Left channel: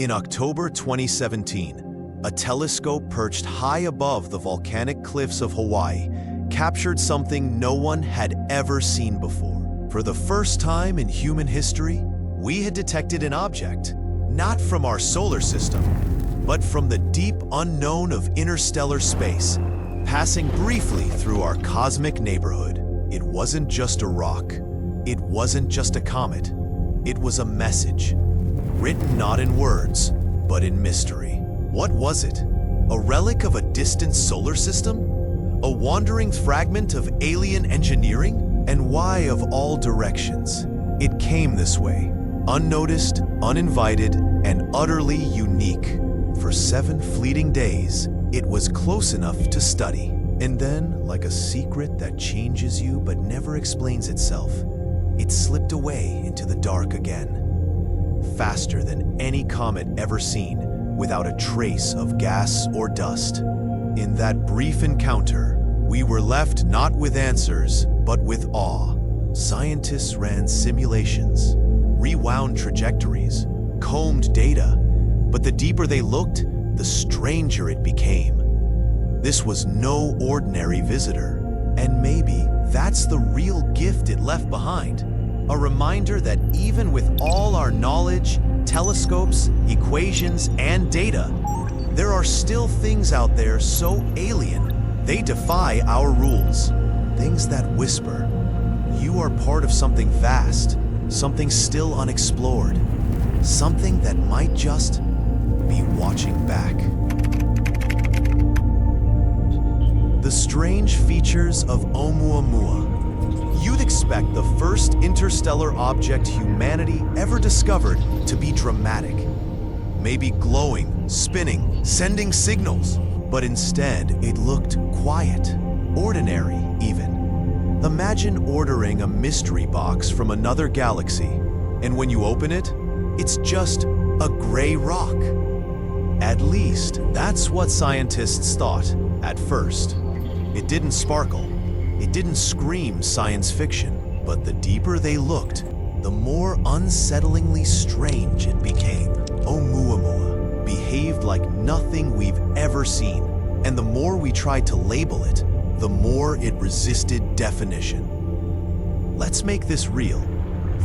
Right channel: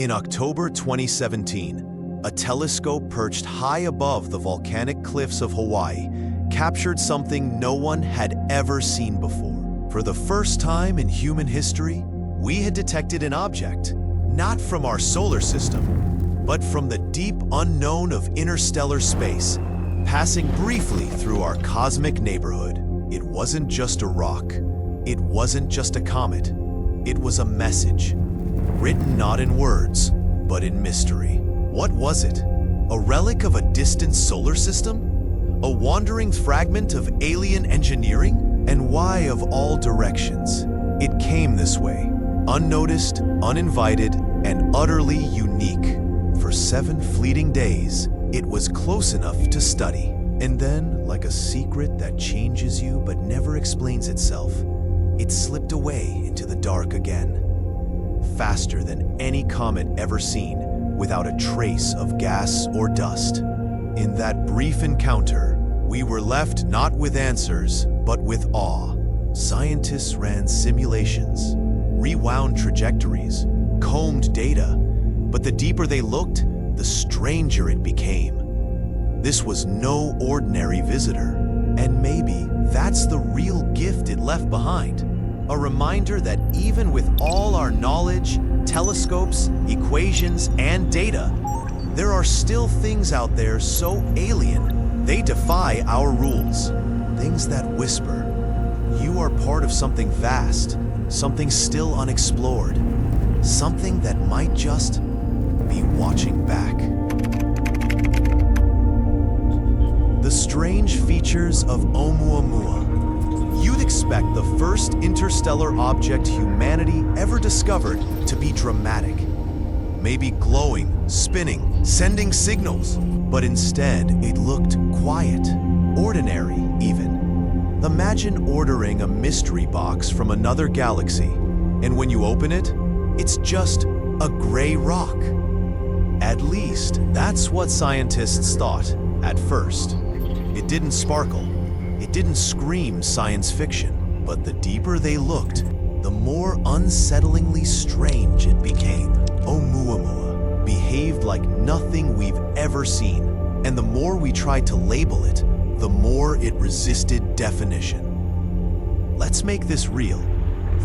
In October 2017, a telescope perched high above the volcanic cliffs of Hawaii captured something no one had ever seen before. For the first time in human history, we had detected an object, not from our solar system, but from the deep unknown of interstellar space, passing briefly through our cosmic neighborhood. It wasn't just a rock. It wasn't just a comet. It was a message, written not in words, but in mystery. What was it? A relic of a distant solar system? A wandering fragment of alien engineering? And why of all directions? It came this way, unnoticed, uninvited, and utterly unique. For 7 fleeting days, it was close enough to study. And then, like a secret that changes you but never explains itself, it slipped away into the dark again. Faster than any comet ever seen, without a trace of gas or dust. In that brief encounter, we were left not with answers, but with awe. Scientists ran simulations, rewound trajectories, combed data, but the deeper they looked, the stranger it became. This was no ordinary visitor, and maybe that's the real gift it left behind. A reminder that even with all our knowledge, telescopes, equations, and data, there are still things out there so alien, they defy our rules. Things that whisper, you are part of something vast, something still unexplored, something that might just be watching back. The strange features of Oumuamua. You'd expect the first interstellar object humanity ever discovered to be dramatic. Maybe glowing, spinning, sending signals. But instead, it looked quiet, ordinary even. Imagine ordering a mystery box from another galaxy, and when you open it, it's just a gray rock. At least, that's what scientists thought at first. It didn't sparkle. It didn't scream science fiction, but the deeper they looked, the more unsettlingly strange it became. Oumuamua behaved like nothing we've ever seen, and the more we tried to label it, the more it resisted definition. Let's make this real.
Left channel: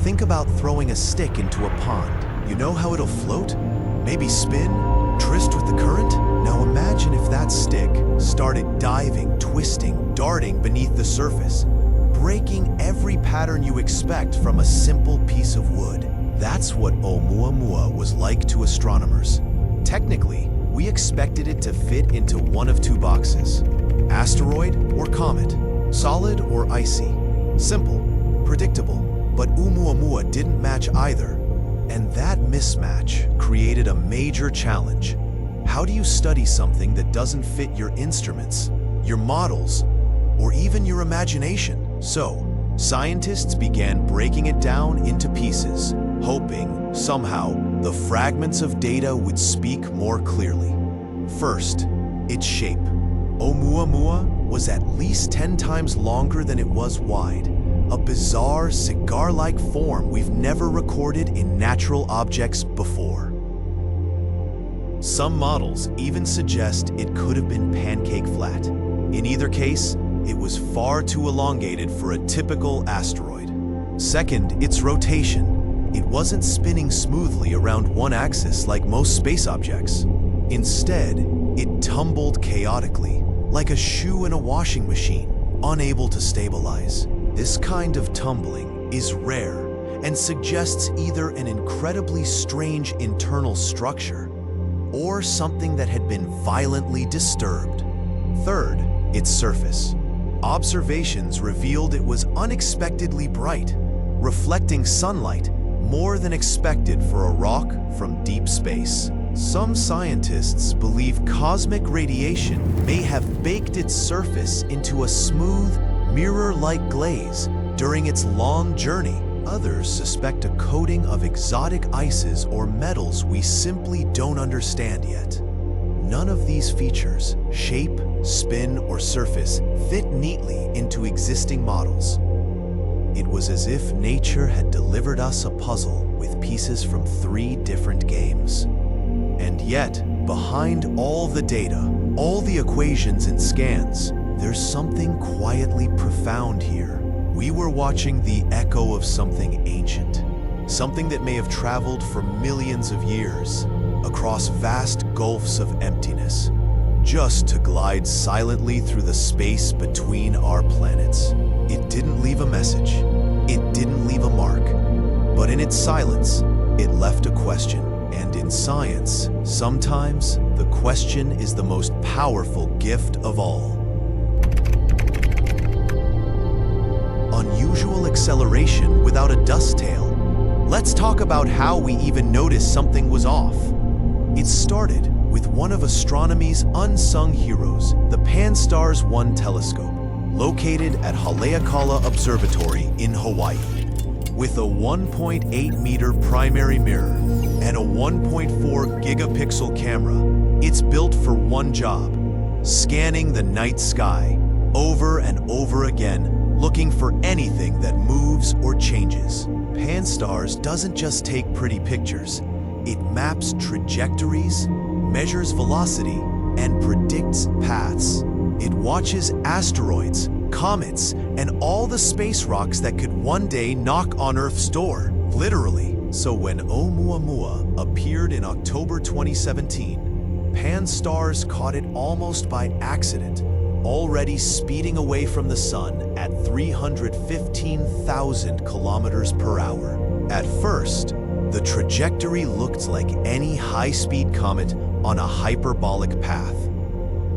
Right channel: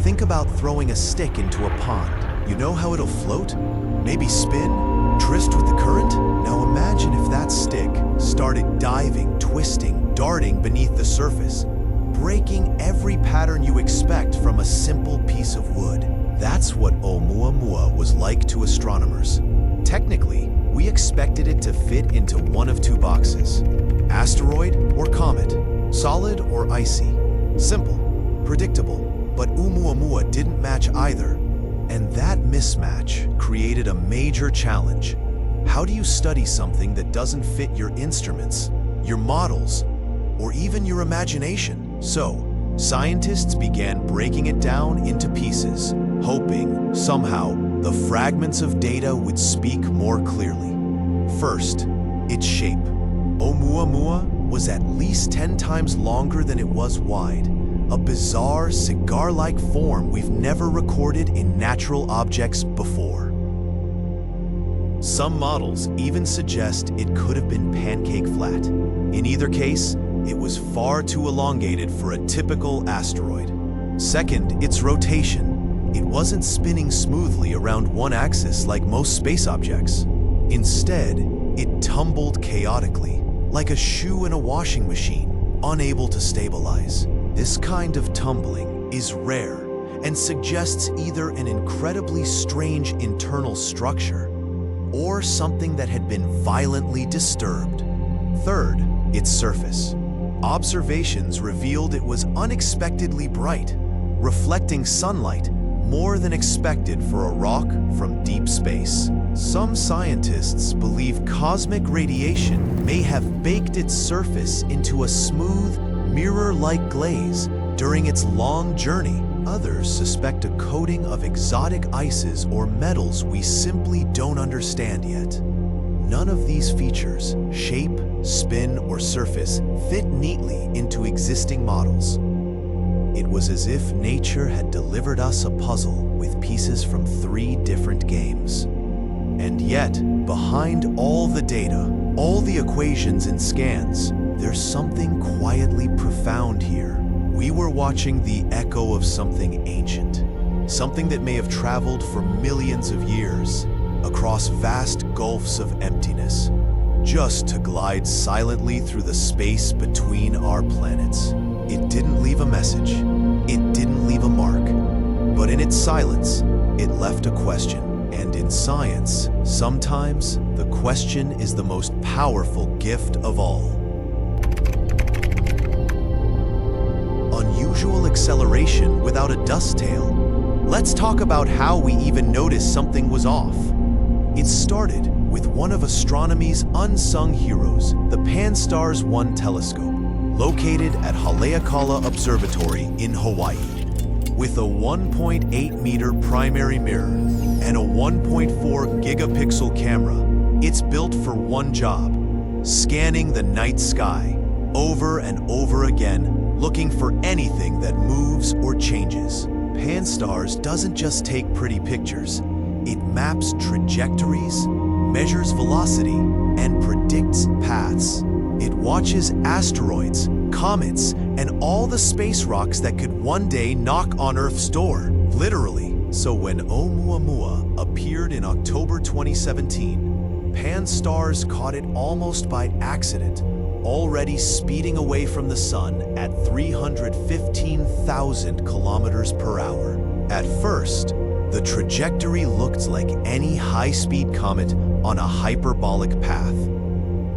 Think about throwing a stick into a pond. You know how it'll float? Maybe spin? Tryst with the current? Now imagine if that stick started diving, twisting, darting beneath the surface, breaking every pattern you expect from a simple piece of wood. That's what Oumuamua was like to astronomers. Technically, we expected it to fit into one of 2 boxes: asteroid or comet, solid or icy. Simple, predictable, but Oumuamua didn't match either. And that mismatch created a major challenge. How do you study something that doesn't fit your instruments, your models, or even your imagination? So, scientists began breaking it down into pieces, hoping, somehow, the fragments of data would speak more clearly. First, its shape. Oumuamua was at least 10 times longer than it was wide. A bizarre, cigar-like form we've never recorded in natural objects before. Some models even suggest it could have been pancake flat. In either case, it was far too elongated for a typical asteroid. Second, its rotation. It wasn't spinning smoothly around one axis like most space objects. Instead, it tumbled chaotically, like a shoe in a washing machine, unable to stabilize. This kind of tumbling is rare and suggests either an incredibly strange internal structure or something that had been violently disturbed. Third, its surface. Observations revealed it was unexpectedly bright, reflecting sunlight more than expected for a rock from deep space. Some scientists believe cosmic radiation may have baked its surface into a smooth, mirror-like glaze during its long journey. Others suspect a coating of exotic ices or metals we simply don't understand yet. None of these features, shape, spin, or surface, fit neatly into existing models. It was as if nature had delivered us a puzzle with pieces from 3 different games. And yet, behind all the data, all the equations and scans, there's something quietly profound here. We were watching the echo of something ancient, something that may have traveled for millions of years across vast gulfs of emptiness, just to glide silently through the space between our planets. It didn't leave a message, it didn't leave a mark, but in its silence, it left a question. And in science, sometimes the question is the most powerful gift of all. Unusual acceleration without a dust tail. Let's talk about how we even noticed something was off. It started with one of astronomy's unsung heroes, the Pan-STARRS 1 telescope, located at Haleakala Observatory in Hawaii. With a 1.8-meter primary mirror and a 1.4 gigapixel camera, it's built for one job: scanning the night sky over and over again, looking for anything that moves or changes. Pan-STARRS doesn't just take pretty pictures. It maps trajectories, measures velocity, and predicts paths. It watches asteroids, comets, and all the space rocks that could one day knock on Earth's door, literally. So when Oumuamua appeared in October 2017, Pan-STARRS caught it almost by accident, already speeding away from the sun at 315,000 kilometers per hour. At first, the trajectory looked like any high-speed comet on a hyperbolic path.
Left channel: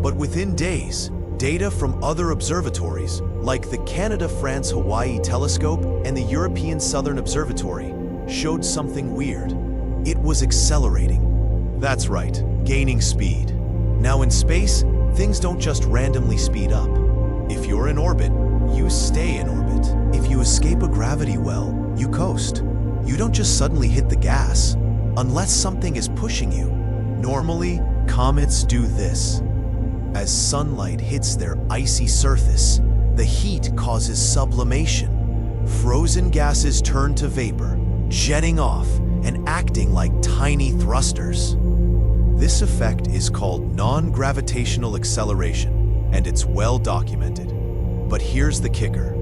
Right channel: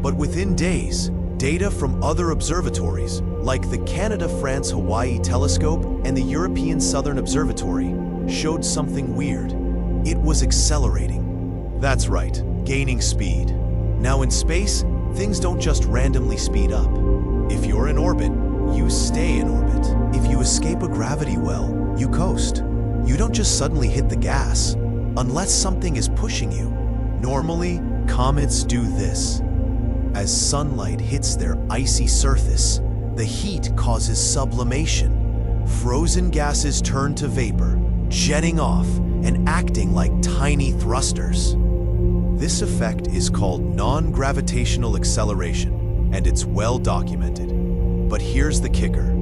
But within days, data from other observatories, like the Canada-France-Hawaii Telescope and the European Southern Observatory, showed something weird. It was accelerating. That's right, gaining speed. Now in space, things don't just randomly speed up. If you're in orbit, you stay in orbit. If you escape a gravity well, you coast. You don't just suddenly hit the gas, unless something is pushing you. Normally, comets do this. As sunlight hits their icy surface, the heat causes sublimation. Frozen gases turn to vapor, jetting off and acting like tiny thrusters. This effect is called non-gravitational acceleration, and it's well documented. But here's the kicker.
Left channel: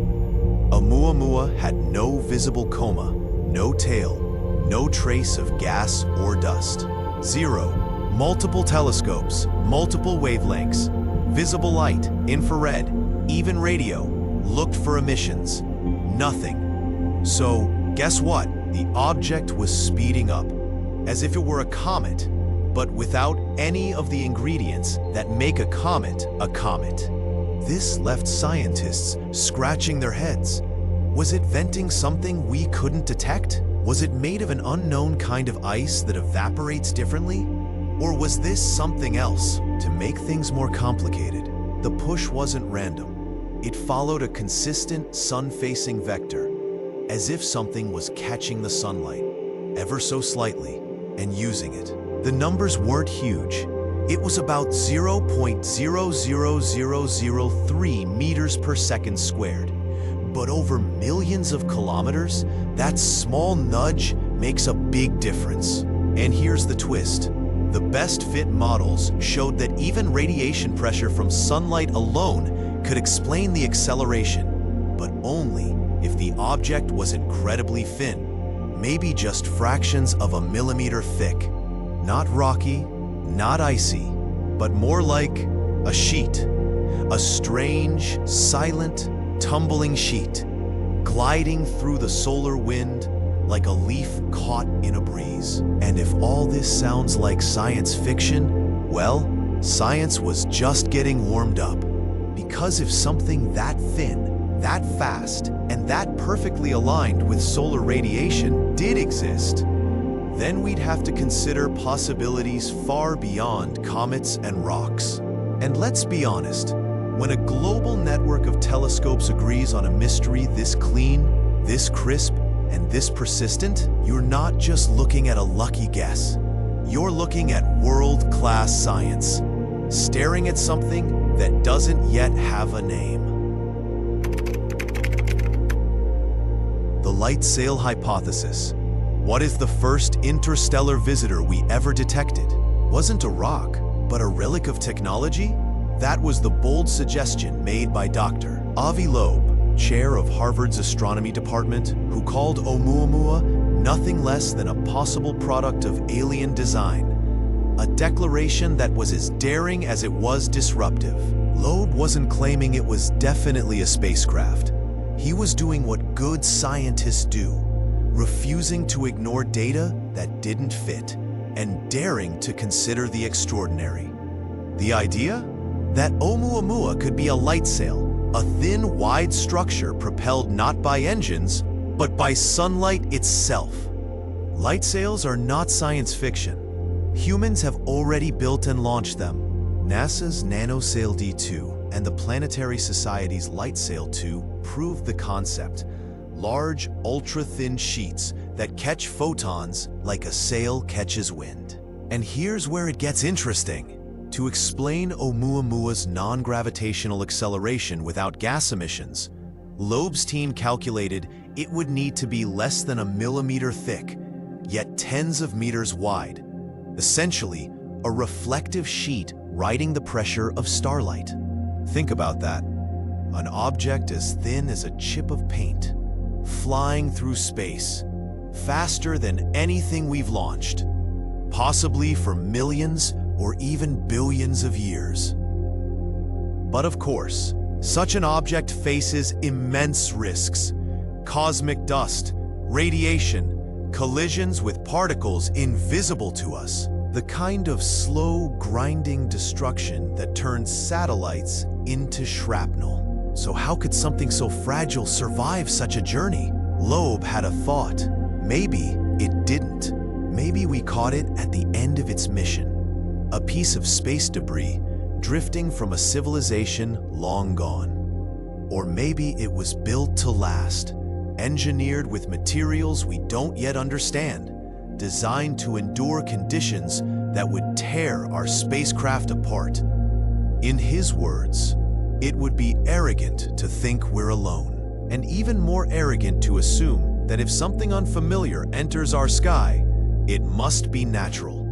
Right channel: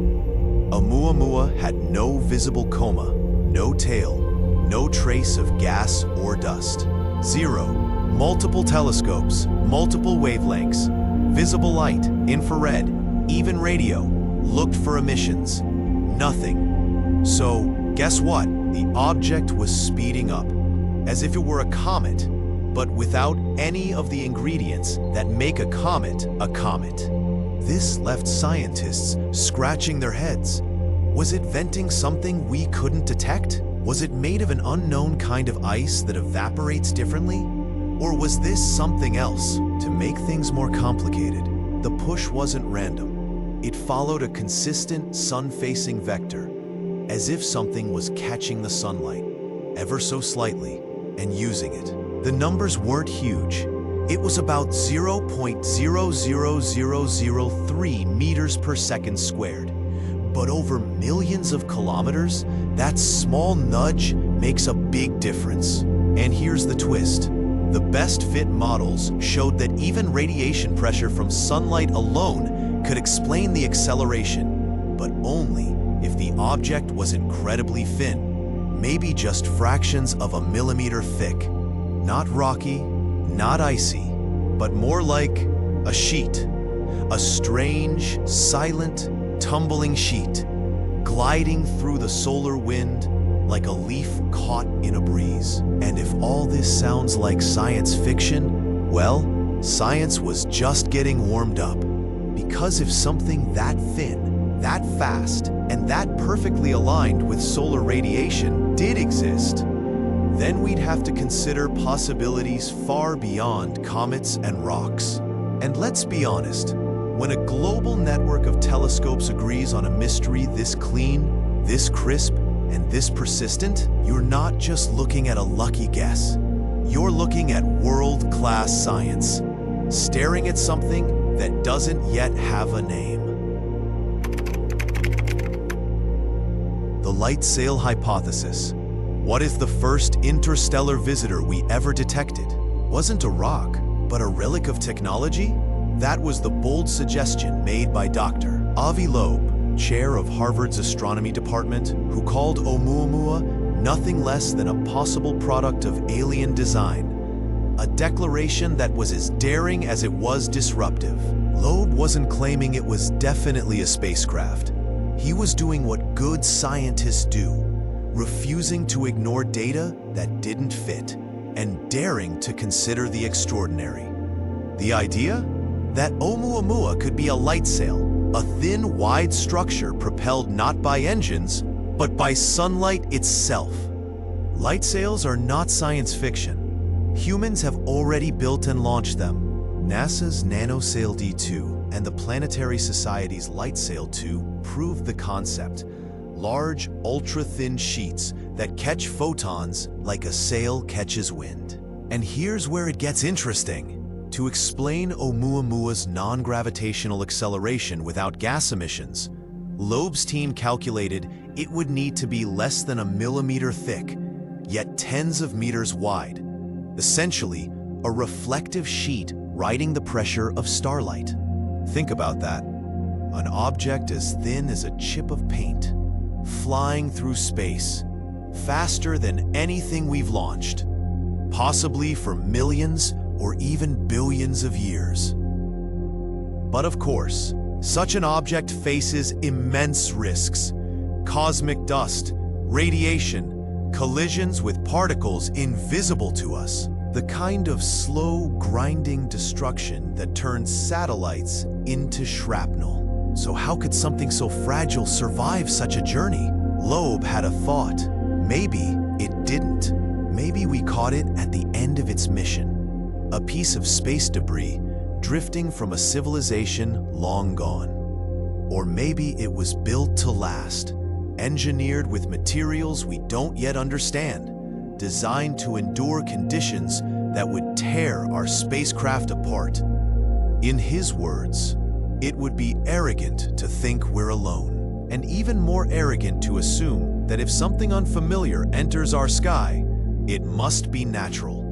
Oumuamua had no visible coma, no tail, no trace of gas or dust. Zero. Multiple telescopes, multiple wavelengths, visible light, infrared, even radio, looked for emissions. Nothing. So, guess what? The object was speeding up, as if it were a comet, but without any of the ingredients that make a comet a comet. This left scientists scratching their heads. Was it venting something we couldn't detect? Was it made of an unknown kind of ice that evaporates differently? Or was this something else? To make things more complicated, the push wasn't random. It followed a consistent sun-facing vector, as if something was catching the sunlight, ever so slightly, and using it. The numbers weren't huge. It was about 0.00003 meters per second squared. But over millions of kilometers, that small nudge makes a big difference. And here's the twist. The best fit models showed that even radiation pressure from sunlight alone could explain the acceleration, but only if the object was incredibly thin, maybe just fractions of a millimeter thick. Not rocky, not icy, but more like a sheet. A strange, silent, tumbling sheet, gliding through the solar wind like a leaf caught in a breeze. And if all this sounds like science fiction, well, science was just getting warmed up. Because if something that thin, that fast, and that perfectly aligned with solar radiation did exist, then we'd have to consider possibilities far beyond comets and rocks. And let's be honest, when a global network of telescopes agrees on a mystery this clean, this crisp, and this persistent, you're not just looking at a lucky guess. You're looking at world-class science, staring at something that doesn't yet have a name. The Lightsail hypothesis. What is the first interstellar visitor we ever detected? wasn't a rock, but a relic of technology? That was the bold suggestion made by Dr. Avi Loeb, chair of Harvard's astronomy department, who called Oumuamua nothing less than a possible product of alien design. A declaration that was as daring as it was disruptive. Loeb wasn't claiming it was definitely a spacecraft. He was doing what good scientists do, refusing to ignore data that didn't fit, and daring to consider the extraordinary. The idea? That Oumuamua could be a lightsail, a thin, wide structure propelled not by engines, but by sunlight itself. Lightsails are not science fiction. Humans have already built and launched them. NASA's NanoSail D2 and the Planetary Society's Lightsail 2 proved the concept. Large, ultra-thin sheets that catch photons like a sail catches wind. And here's where it gets interesting. To explain Oumuamua's non-gravitational acceleration without gas emissions, Loeb's team calculated it would need to be less than a millimeter thick, yet tens of meters wide. Essentially, a reflective sheet riding the pressure of starlight. Think about that. An object as thin as a chip of paint, flying through space, faster than anything we've launched, possibly for millions or even billions of years. But of course, such an object faces immense risks. Cosmic dust, radiation, collisions with particles invisible to us. The kind of slow, grinding destruction that turns satellites into shrapnel. So how could something so fragile survive such a journey? Loeb had a thought. Maybe it didn't. Maybe we caught it at the end of its mission. A piece of space debris drifting from a civilization long gone. Or maybe it was built to last, engineered with materials we don't yet understand, designed to endure conditions that would tear our spacecraft apart. In his words, it would be arrogant to think we're alone, and even more arrogant to assume that if something unfamiliar enters our sky, it must be natural.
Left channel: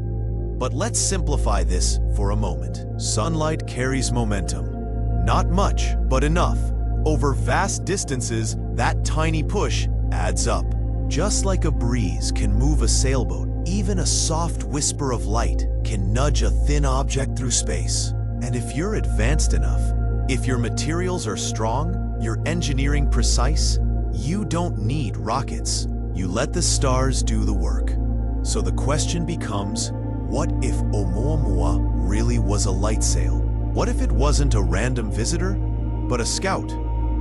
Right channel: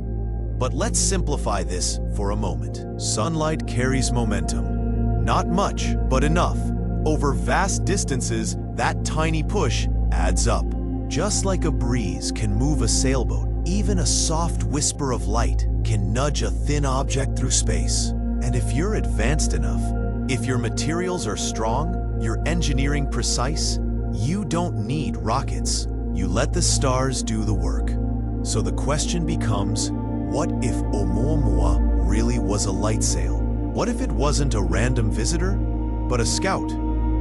But let's simplify this for a moment. Sunlight carries momentum. Not much, but enough. Over vast distances, that tiny push adds up. Just like a breeze can move a sailboat, even a soft whisper of light can nudge a thin object through space. And if you're advanced enough, if your materials are strong, your engineering precise, you don't need rockets. You let the stars do the work. So the question becomes, what if Oumuamua really was a lightsail? What if it wasn't a random visitor, but a scout,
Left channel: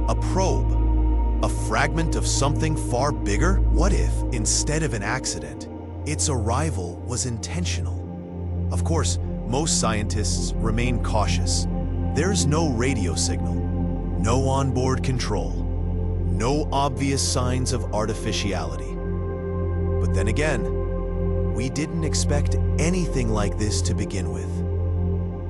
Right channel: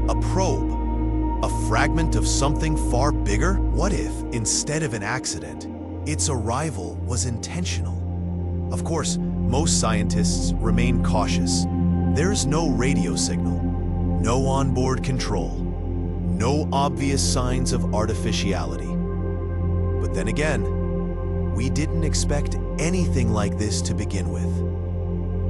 a probe, a fragment of something far bigger? What if, instead of an accident, its arrival was intentional? Of course, most scientists remain cautious. There's no radio signal, no onboard control, no obvious signs of artificiality. But then again, we didn't expect anything like this to begin with.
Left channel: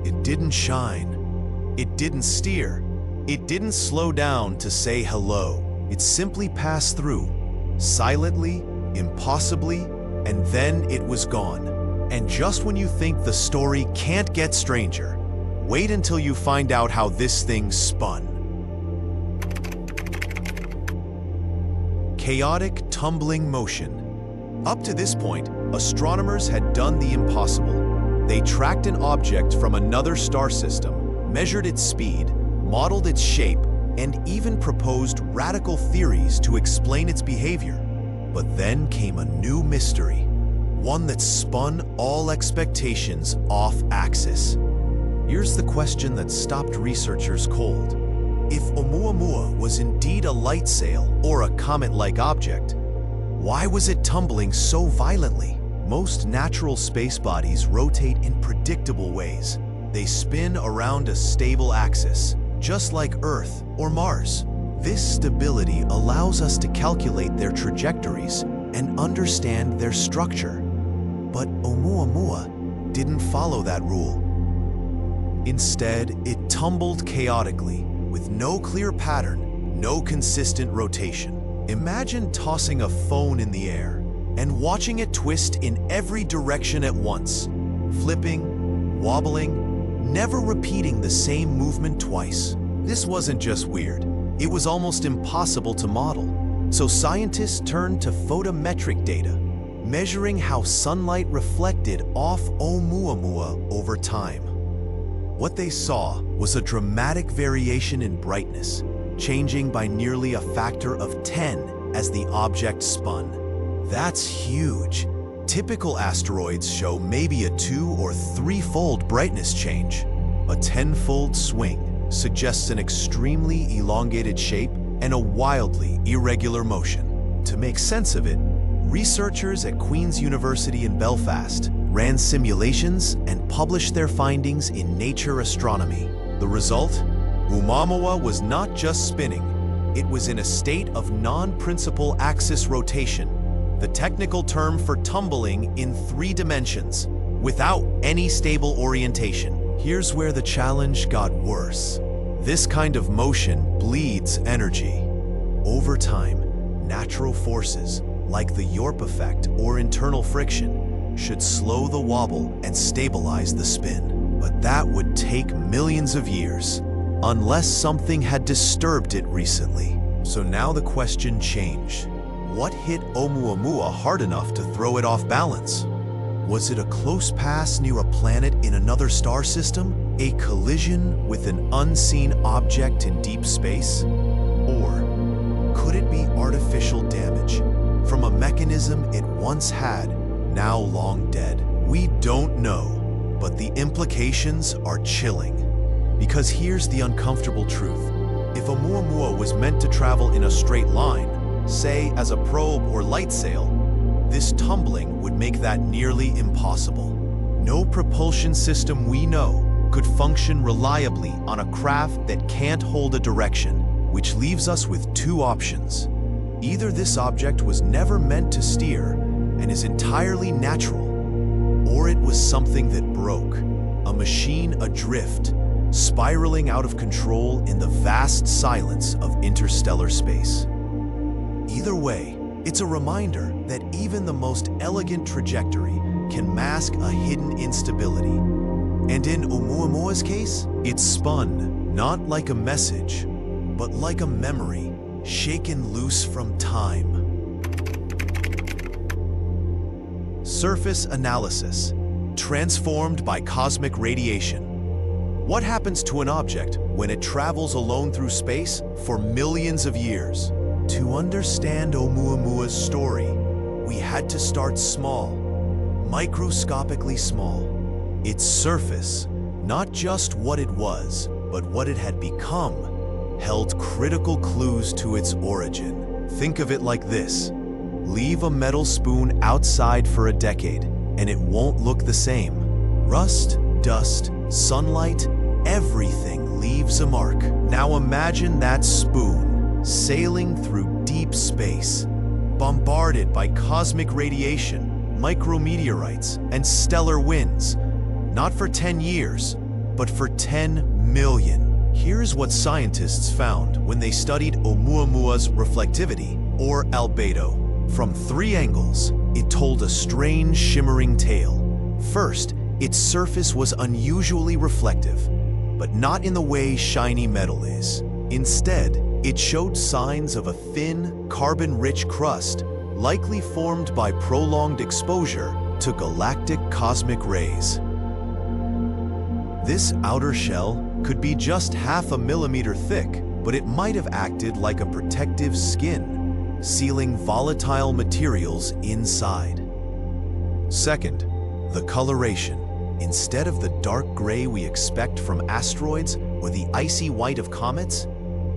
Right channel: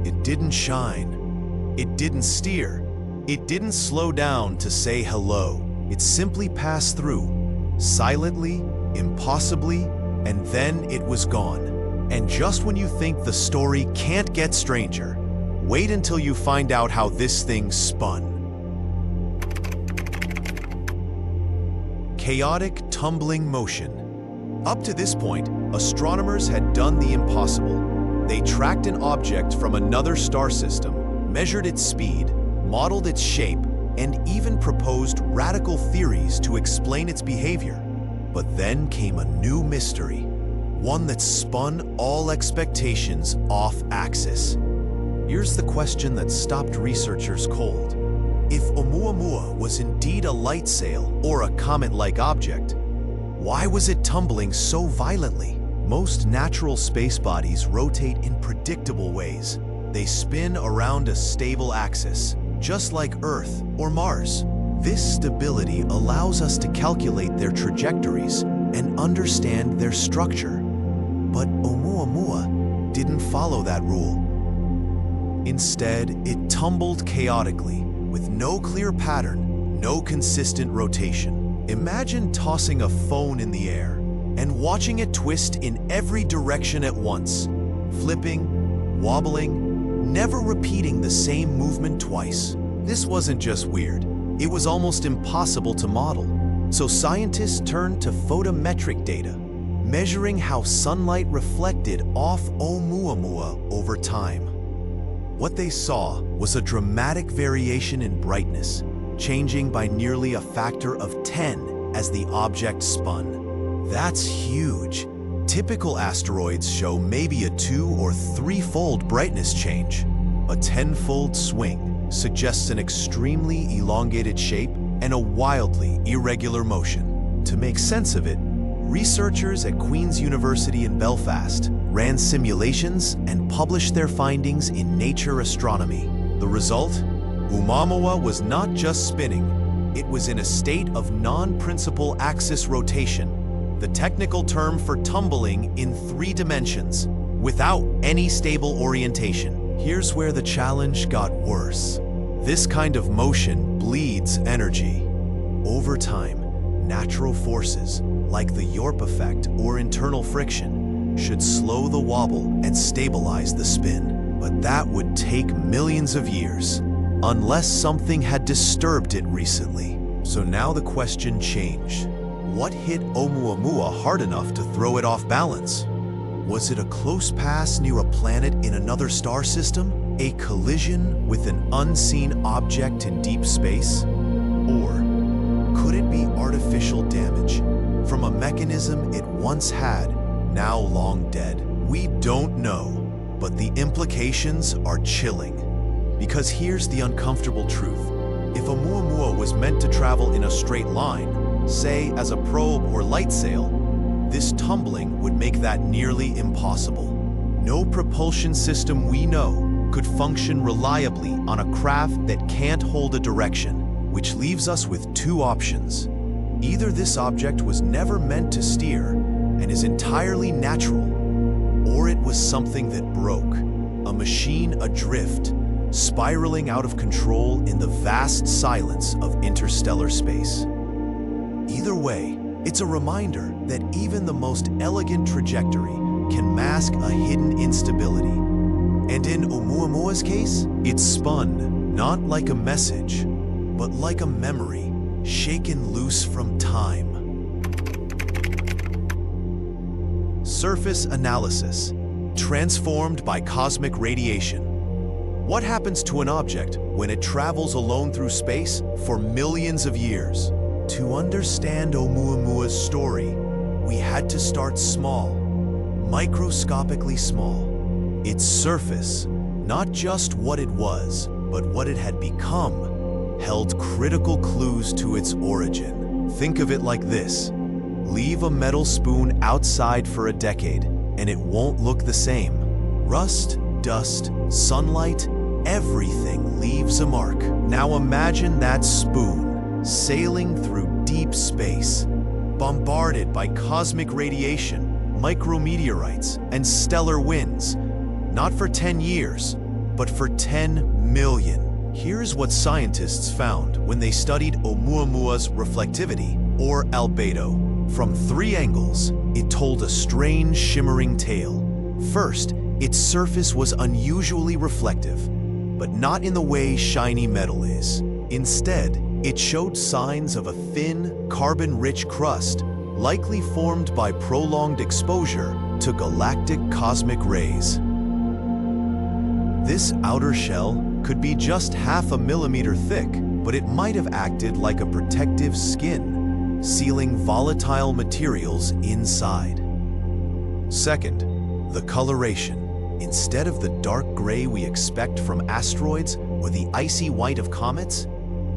It didn't shine. It didn't steer. It didn't slow down to say hello. It simply passed through, silently, impossibly, and then it was gone. And just when you think the story can't get stranger, wait until you find out how this thing spun. Chaotic, tumbling motion. Up to this point, astronomers had done the impossible. They tracked an object from another star system, measured its speed, modeled its shape, and even proposed radical theories to explain its behavior. But then came a new mystery, one that spun all expectations off axis. Here's the question that stopped researchers cold. If Oumuamua was indeed a lightsail or a comet-like object, why was it tumbling so violently? Most natural space bodies rotate in predictable ways. They spin around a stable axis, just like Earth or Mars. This stability allows us to calculate their trajectories and understand their structure. But Oumuamua didn't follow that rule. Instead, it tumbled chaotically, with no clear pattern, no consistent rotation. Imagine tossing a phone in the air and watching it twist in every direction at once, flipping, wobbling, never repeating the same movement twice. This wasn't just weird, it was almost impossible to model. So scientists turned to photometric data, measuring how sunlight reflected off Oumuamua over time. What they saw was a dramatic variation in brightness, changing by nearly a factor of 10 as the object spun. That's huge. Typical asteroids show maybe a 2- or 3-fold brightness change. A 10-fold swing suggests an extremely elongated shape and a wildly irregular motion. To make sense of it, researchers at Queen's University in Belfast ran simulations and published their findings in Nature Astronomy. The result? Oumuamua was not just spinning, it was in a state of non-principal axis rotation, the technical term for tumbling in 3 dimensions, without any stable orientation. Here's where the challenge got worse. This kind of motion bleeds energy. Over time, natural forces, like the Yorp effect or internal friction, should slow the wobble and stabilize the spin. But that would take millions of years, unless something had disturbed it recently. So now the question changed. What hit Oumuamua hard enough to throw it off balance? Was it a close pass near a planet in another star system? A collision with an unseen object in deep space? Or could it be artificial damage from a mechanism it once had, now long dead? We don't know, but the implications are chilling. Because here's the uncomfortable truth. If Oumuamua was meant to travel in a straight line, say as a probe or Lightsail, this tumbling would make that nearly impossible. No propulsion system we know could function reliably on a craft that can't hold a direction, which leaves us with 2 options. Either this object was never meant to steer and is entirely natural, or it was something that broke, a machine adrift, spiraling out of control in the vast silence of interstellar space. Either way, it's a reminder that even the most elegant trajectory can mask a hidden instability. And in Oumuamua's case, it spun not like a message, but like a memory shaken loose from time. Surface analysis, transformed by cosmic radiation. What happens to an object when it travels alone through space for millions of years? To understand Oumuamua's story, we had to start small, microscopically small. Its surface, not just what it was, but what it had become, held critical clues to its origin. Think of it like this. Leave a metal spoon outside for a decade, and it won't look the same. Rust, dust, sunlight, everything leaves a mark. Now imagine that spoon sailing through deep space, bombarded by cosmic radiation, micrometeorites, and stellar winds, not for 10 years, but for 10 million. Here's what scientists found when they studied Oumuamua's reflectivity, or albedo. From 3 angles, it told a strange shimmering tale. First, its surface was unusually reflective, but not in the way shiny metal is. Instead, it showed signs of a thin, carbon-rich crust, likely formed by prolonged exposure to galactic cosmic rays. This outer shell could be just half a millimeter thick, but it might have acted like a protective skin, sealing volatile materials inside. Second, the coloration. Instead of the dark gray we expect from asteroids or the icy white of comets,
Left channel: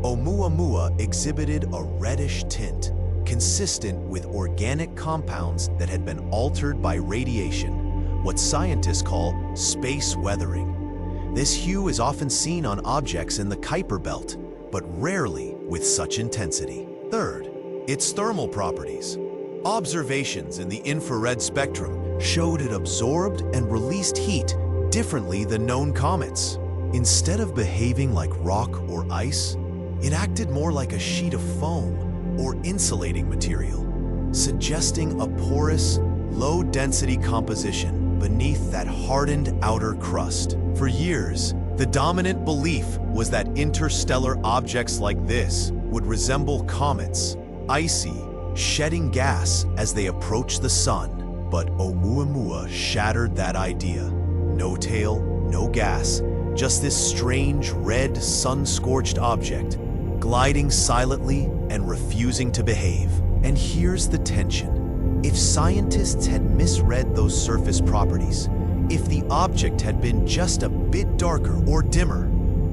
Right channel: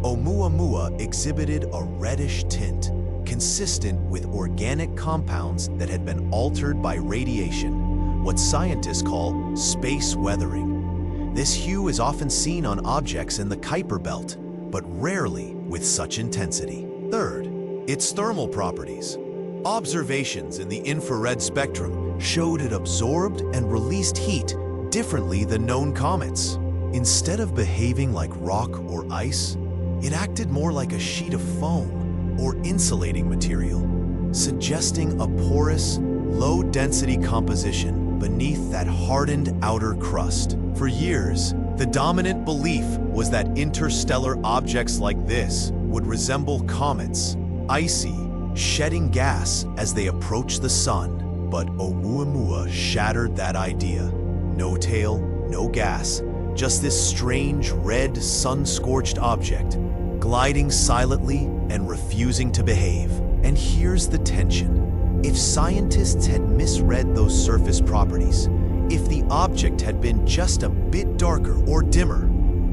Oumuamua exhibited a reddish tint, consistent with organic compounds that had been altered by radiation, what scientists call space weathering. This hue is often seen on objects in the Kuiper belt, but rarely with such intensity. Third, its thermal properties. Observations in the infrared spectrum showed it absorbed and released heat differently than known comets. Instead of behaving like rock or ice, it acted more like a sheet of foam or insulating material, suggesting a porous, low-density composition. beneath that hardened outer crust. For years, the dominant belief was that interstellar objects like this would resemble comets, icy, shedding gas as they approach the sun. But Oumuamua shattered that idea. No tail, no gas, just this strange red sun-scorched object, gliding silently and refusing to behave. And here's the tension. If scientists had misread those surface properties, if the object had been just a bit darker or dimmer,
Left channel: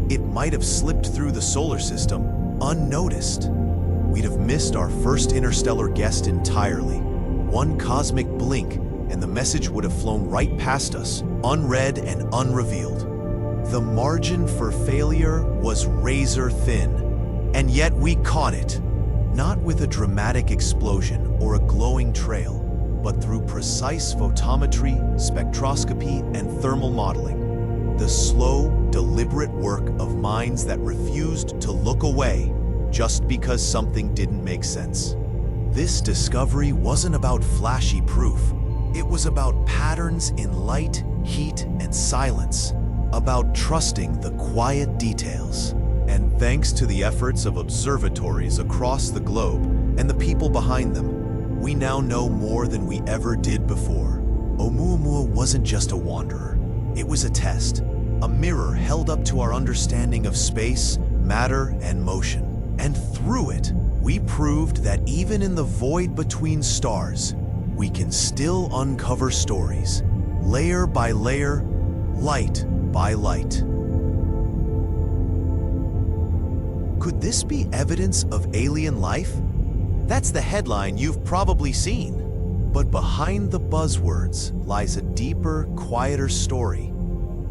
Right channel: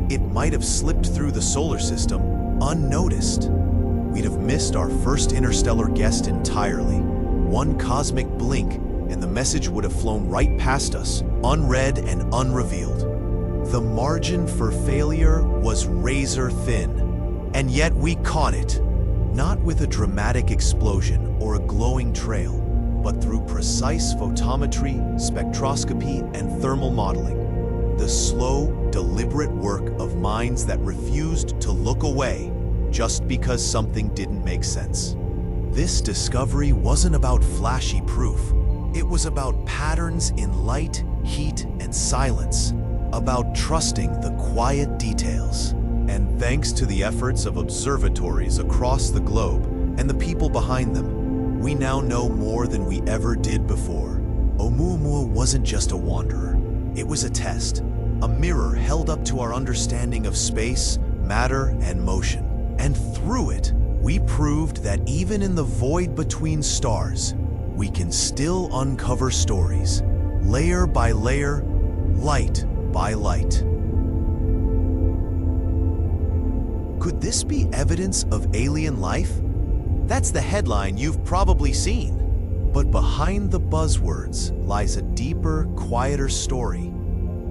it might have slipped through the solar system unnoticed. We'd have missed our first interstellar guest entirely. One cosmic blink, and the message would have flown right past us, unread and unrevealed. The margin for failure was razor thin, and yet we caught it. Not with a dramatic explosion or a glowing trail, but through precise photometry, spectroscopy, and thermal modeling. The slow, deliberate work of minds that refused to look away just because something didn't make sense. This discovery wasn't about flashy proof. It was about patterns in light, heat, and silence, about trusting the quiet details. And thanks to the efforts of observatories across the globe and the people behind them, we now know more than we ever did before. Oumuamua wasn't just a wanderer. It was a test, a mirror held up to our understanding of space, matter, and motion. And through it, we proved that even in the void between stars, we can still uncover stories, layer by layer, light by light. Could this be evidence of alien life? That's the headline you've probably seen. But behind the buzzwords lies a deeper, quieter story,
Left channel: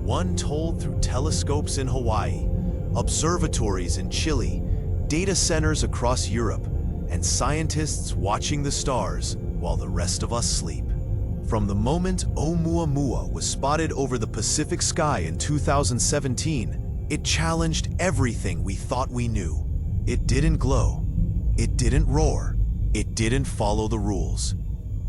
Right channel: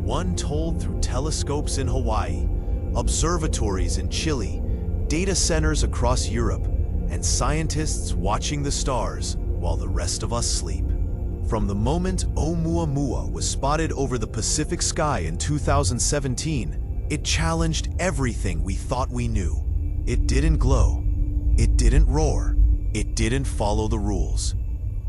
one told through telescopes in Hawaii, observatories in Chile, data centers across Europe, and scientists watching the stars while the rest of us sleep. From the moment Oumuamua was spotted over the Pacific sky in 2017, it challenged everything we thought we knew. It didn't glow. It didn't roar. It didn't follow the rules.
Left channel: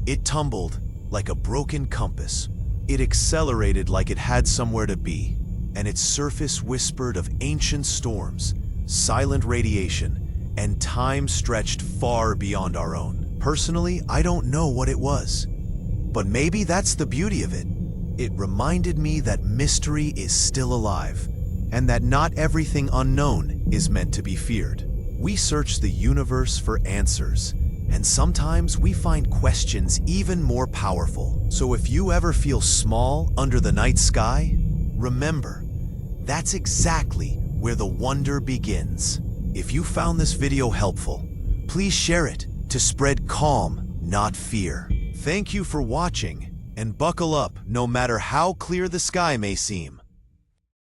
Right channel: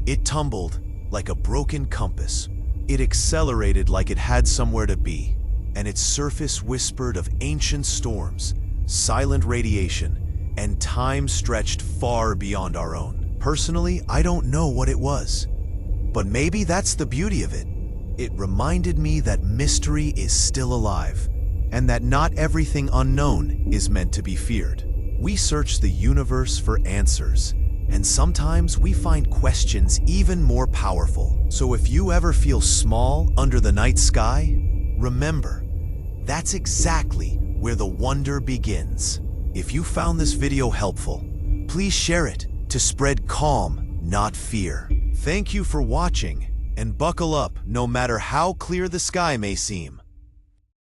It tumbled like a broken compass. It accelerated like it had somewhere to be, and its surface whispered of ancient storms, silent radiation, and time stretched far beyond our own. Personally, I don't know what it was, but maybe that's the beauty of it. It reminded me that mystery is still alive, and that not everything unknown is meant to be feared. We search the universe for answers, and sometimes we find questions even more powerful. So if you ever feel small under the night sky, remember, that's exactly where the wonder begins. If you found this video helpful, please share it to spread calm, not fear. Thank you for watching, and buckle up no matter how clear the sky may seem.